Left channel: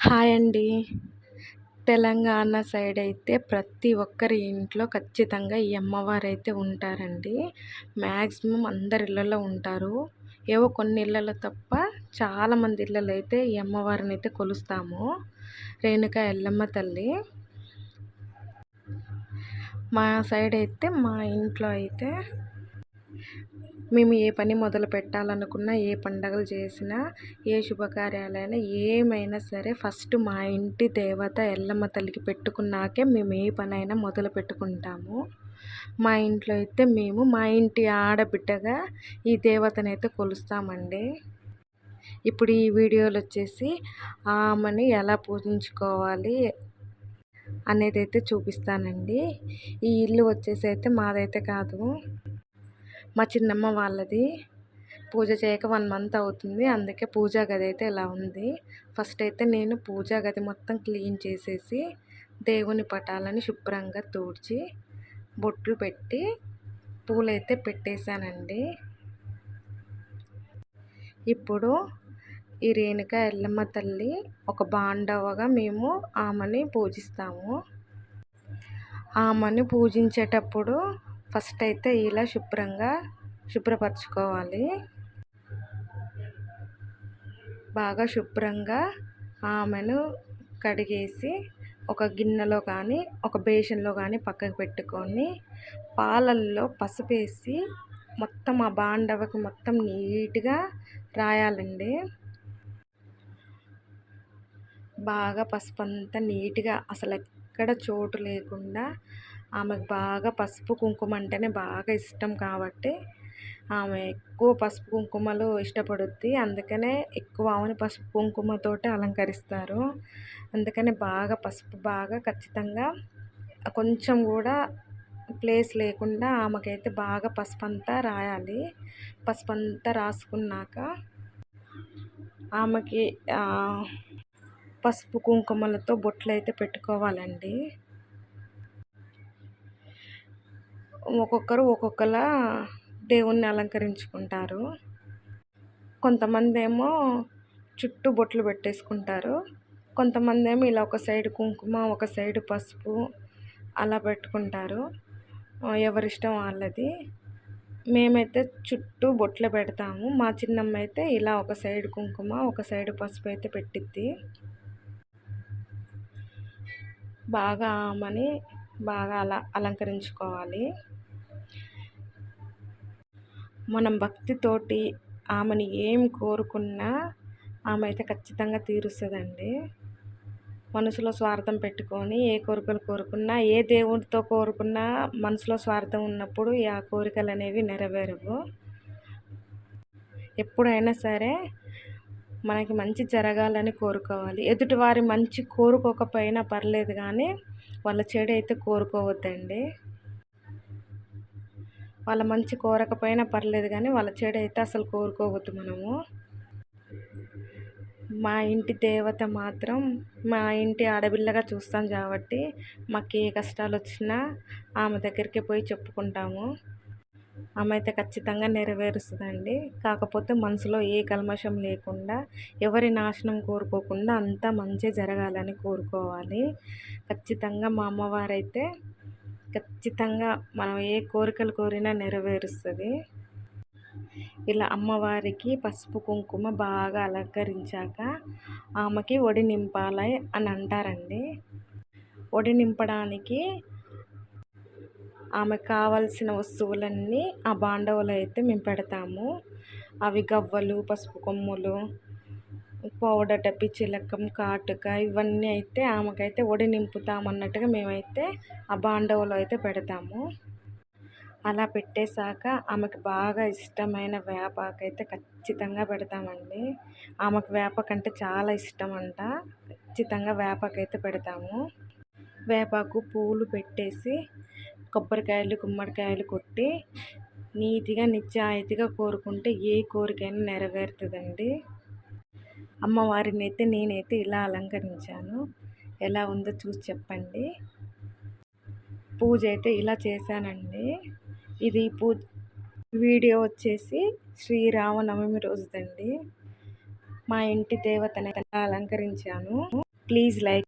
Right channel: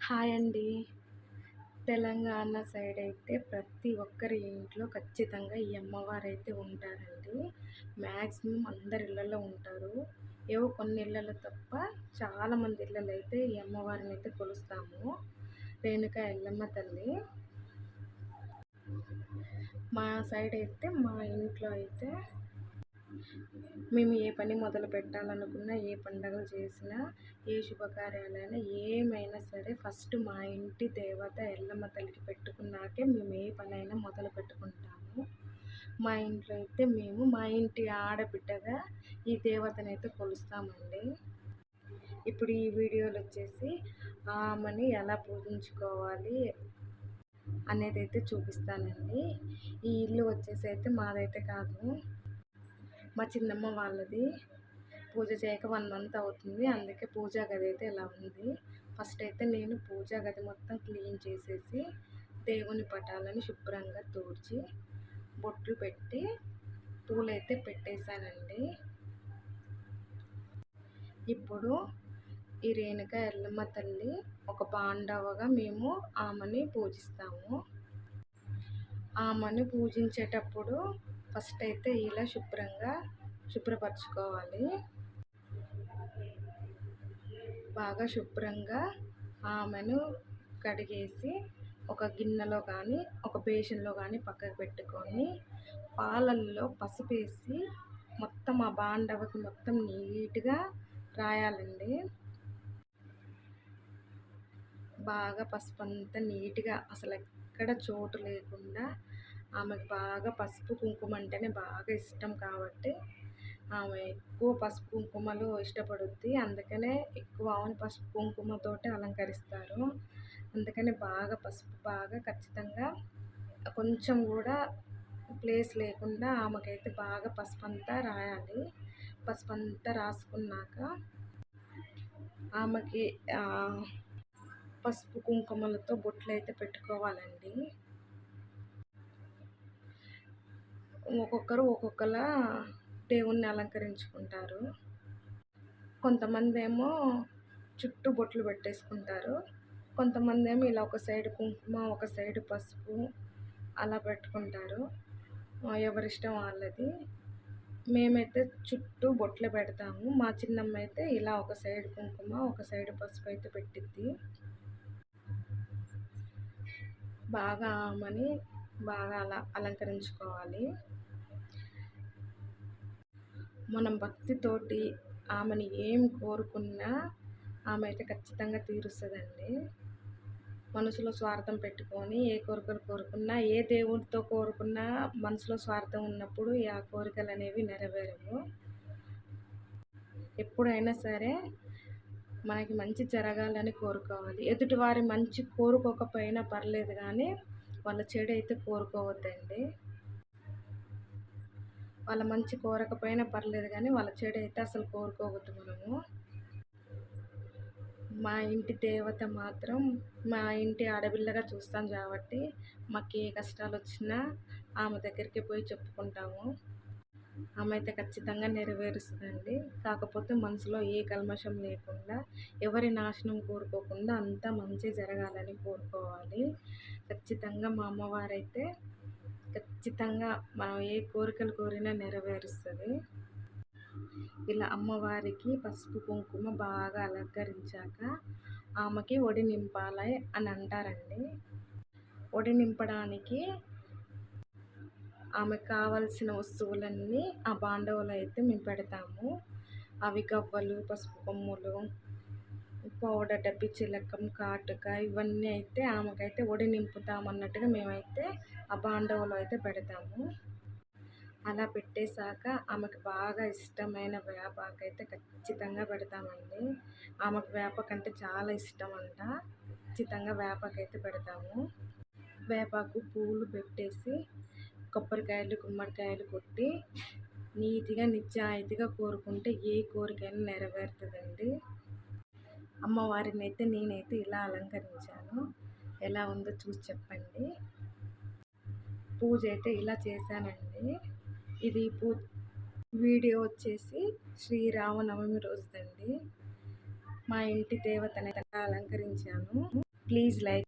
Hi అండి. Telangana side అయితే ప్రతి ఒక్కరి ఇంట్లో ఖచ్చితంగా ఈ అమ్మవారైతే ఉంటారండి. మ్యాక్సిమం అందరి ఇళ్లలో ఉంటారు. ఏవో కొన్ని ఇళ్లలో తప్ప చాలామంది ఇళ్లలో అయితే ఈ అమ్మవారినైతే కొలుస్తాము. రేణుకా ఎల్లమ్మ తల్లి. మా సైడ్ అయితే మా ఇంట్లో అయితే మేము ఏ పని మొదలు పెట్టాలనుకున్నా, ఏ పండగలు చేసినా, ఏ శుభకార్యాలైనా ఏమైనా సరే ఫస్ట్ మా ఇంటి దేవత ఎల్లమ్మ తల్లికి పెట్టుకున్నాకే మేము ఏ పనైనా మొదలు పెట్టుకుంటాము. మా ఇంట్లో అయితే మేము మా ఇంటి ఆడబిడ్డగా ఈ దేవతనైతే కొలుస్తామండి. ఇప్పుడు ఈ వీడియోలో వచ్చేసి ఆమెని ఎలా పూజించుకోవాలి అనేది అయితే చూపిస్తానండి. ఈ ఇల్లు వచ్చేసి అయితే మాదైతే కాదు, మా చిన్నమ్మ వాళ్ళది. పూజ చేయక 1 మంత్ అవుతుంది. అందుకే పూజా గది అయితే ఇలా ఉంది. ఫస్ట్ అయితే నేను పూజా గది మొత్తం క్లీన్ చేసేసి దేవుని పటాలని శుభ్రంగా తుడిచి బొట్లు పెట్టి పూలైతే పెట్టేశానండి. ఇప్పుడు ఈ రేణుకా ఎల్లమ్మ తల్లి ఒక బాండవగా మేము ఆమెని పూజిస్తాము. ఆమెని పూజించేటప్పుడు ఫస్ట్ అయితే ఇలా శుభ్రపరచుకోవాలి. బాగా శుభ్రంగా ఆమెను కడిగేసి ఒక గిన్నెలో కానీ ఒక బేషన్లో కానీ పక్కకు పెట్టుకొని పాలల్లో పసుపేసి మొత్తం ఆ బాండవకి మొత్తం నీట్గా రాయాలండి. బాగా పసుపు అంతా నీట్గా అసలు ఎక్కడ చోటు లేకుండా ఆమెకు బాగా పసుపు కుంకుమ అంటేనే బాగా ఇష్టం కాబట్టి ఆమె ఎక్కువ పసుపు కుంకుమలు ఇష్టపడుద్ది. అందుకనే ఎక్కువ ఆమెను పసుపు కుంకుమతోటి అలంకరిస్తారు. అందుకనే బాగా పసుపు బాగా ఖచ్చితంగా కొంచెం కూడా ప్లేస్ లేకుండా ఆమెకైతే బాగా పసుపు అంతా రాయాలి. పసుపు అంతా రాసుకున్నాక ఆమెకి పసుపు కుంకుమలతో బొట్లు అయితే పెట్టుకోవాలండి. ఒక్కొక్కరు ఒక్కొక్కలా దేవుణ్ణి అలంకరించుకుంటారు. కొంతమంది ఏమో చుట్టూ బొట్లు పెట్టేసుకుంటారు. కొంతమంది ఏమో ఇలా ఒక సైడ్ కుంకుమ ఒక సైడ్ పసుపు అలా పెట్టుకుంటారు. ఎవరిష్టం వాళ్ళది. మేమైతే చుట్టూ బొట్లు పెడతాము. మా చిన్నమ్మ అయితే ఇలా ఒక సైడ్ కుంకుమ ఒక సైడ్ పసుపు అయితే పెట్టిద్ది. బాగా ఆమెని బాగా అలంకరించుకోవాలి. మనం భక్తితోటి ఆమెని ఏం కోరుకున్నా ఆమె అయితే ఖచ్చితంగా తీరుస్తుందండి. మనసులో స్వార్థం పెట్టుకొని ఏ కోరికలు కోరుకున్నా, ఏ దేవుడితో కోరుకున్నా మనసులో స్వార్థం ఉన్నప్పుడు ఆ కోరికలు అనేవి నెరవేరవు. ఎప్పుడైనా సరే మనకి మంచి జరగాలని కోరుకోవాలి. ఎదుటివారి మంచి కోరుకోకపోయినా పర్లేదు కానీ వాళ్ళ చెడు అయితే కోరుకోవద్దండి. వాళ్ళ మంచి కోరకపోయినా పర్లేదు కానీ వాళ్ళ చెడు అయితే అసలు కోరుకోవద్దు మనము. మా ఇంటి దేవత మాత్రం మా ఇంటి ఆడపిల్లగా చూస్తాం కాబట్టి మాకు ఏ కష్టాలు వచ్చినా ఆమె దగ్గరికి పోయి చెప్పుకుంటాము. ఆమె అయితే ఖచ్చితంగా నెరవేరుస్తుందండి. కాకపోతే మనసులో ఏ కల్మషం లేకుండా ఎవరి నాశనం కోరుకోకుండా అంతా మంచి జరగాలని కోరుకోవాలి. ఖచ్చితంగా మా అమ్మవారైతే ఖచ్చితంగా మనం ఏ కోరికలు కోరినా నెరవేరుస్తుంది. ఇలా అమ్మవారికి పసుపు కుంకుమ బాగా అలంకరించాక ఆమెకి ఒడి నింపాలి అని అంటారండి. ఒడి నింపడానికి ఆమెకు కావాల్సిన వస్తువులన్నీ ఆ బాండవలో అయితే మేము పెడతాము. అవి గవ్వలు, పసుపు కొమ్ములు, పౌడర్ డబ్బి, చిలకం, కాటుక ఇవన్నీ అయితే ఆమెకైతే ఒడి నింపుతామన్నట్టుగా మేమైతే ఆ బాండవలో అయితే పెడతాము. అలా పెట్టేశాక ఆమెకు బాగా ఇష్టమైన వేపాకైతే ఖచ్చితంగా పెడతామండి. ఆమెకు వేపాకంటే చాలా ఇష్టం అంట. ఖచ్చితంగా వేపాకైతే పెడతాము. వేపాకు పూలు పెట్టేసి కొబ్బరికాయలు గుమ్మడికాయలు కొట్టి నీతిగా నిజాయితీగా కోరుకుంటే ఏ కోరికైనా నెరవేరుతుందండి. అమ్మవారిని అయితే నేనైతే ఇలా అలంకరించాను. ఎలా ఉందో చూసి చెప్పండి. పూజ అయితే ఇలా చేశానండి. ఇది వీడియో వచ్చేసి శ్రీరామనవమి రోజుదండి. మా ఇంటి దేవతని ఎలా అలంకరించాను ప్లీజ్ లైక్